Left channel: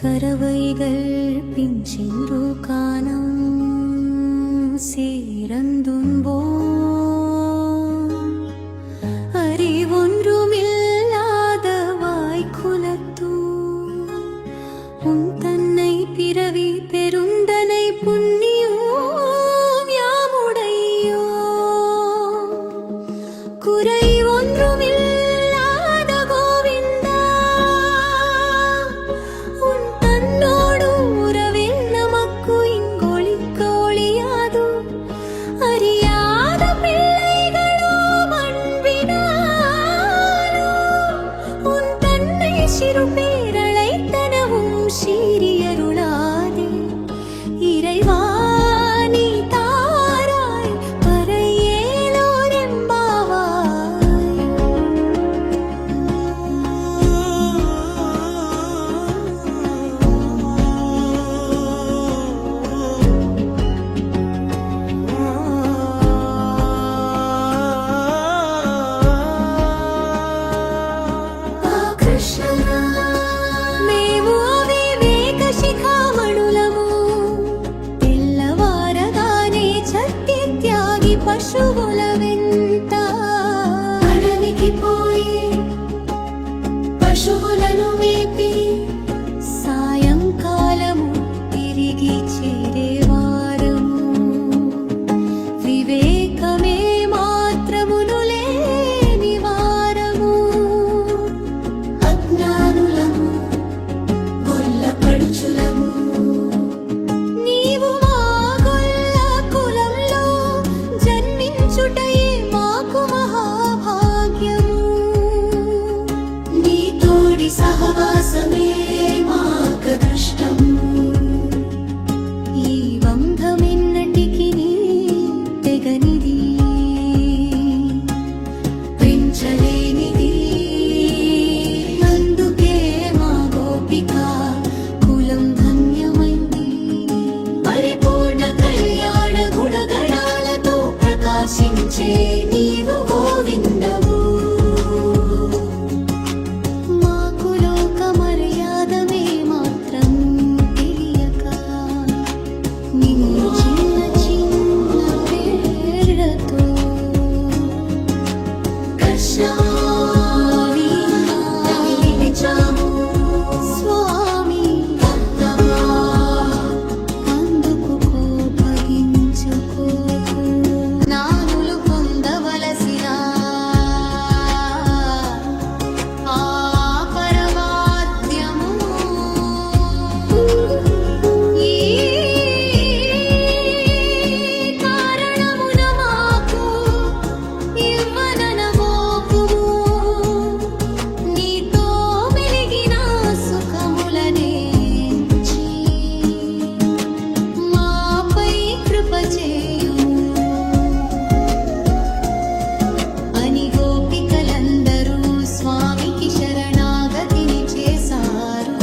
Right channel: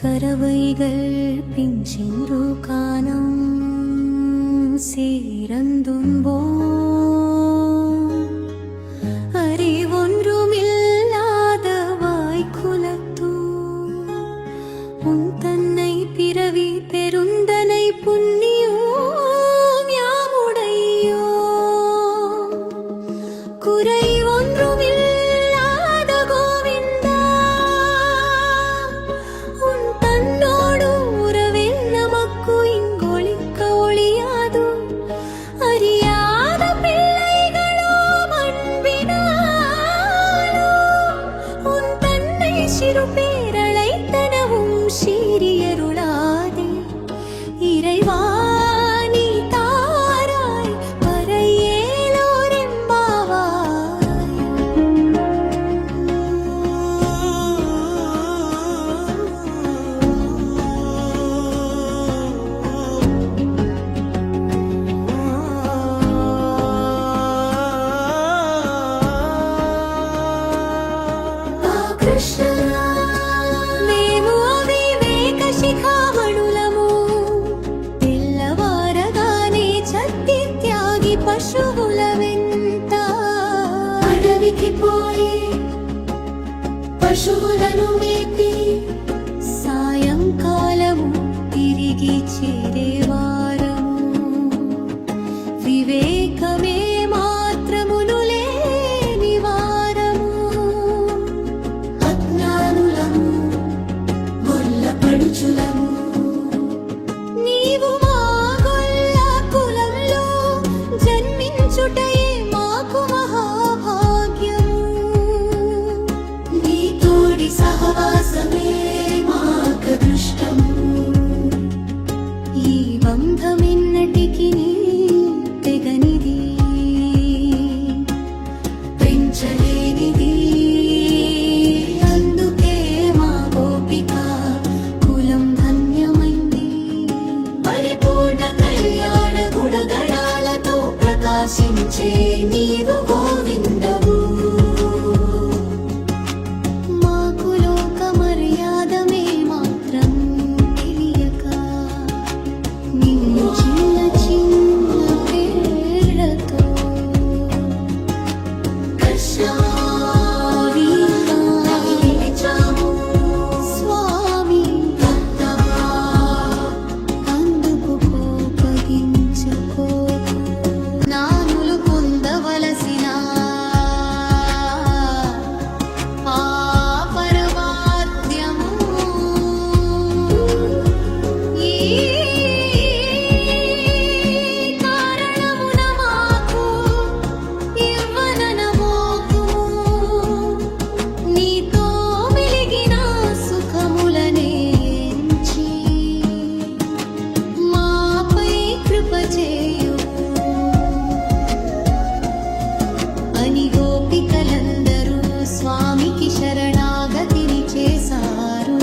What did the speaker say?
കരവൈകൾ പിഞ്ചെൻറു കാനം സീരന്തുമ്പോൾ சிறுபேரழைத்தனவும் சீரியருளா పశువుల వెంట. అడవికి పోయి పశువులను మేపి సాయంకాలము తిరిగి చేరేవా? నిలిచుటయే మాకు మహాభాగ్యము. నీ తోడి సహవాసమే మాకృష్టము ఈ బంధమిన్నటికి తెగనిది. పొందుకోకు నానులు పొందవలసిన కృపచేయును అని గోపికలందరూ స్వామికి శరణాగతిని చేశారు.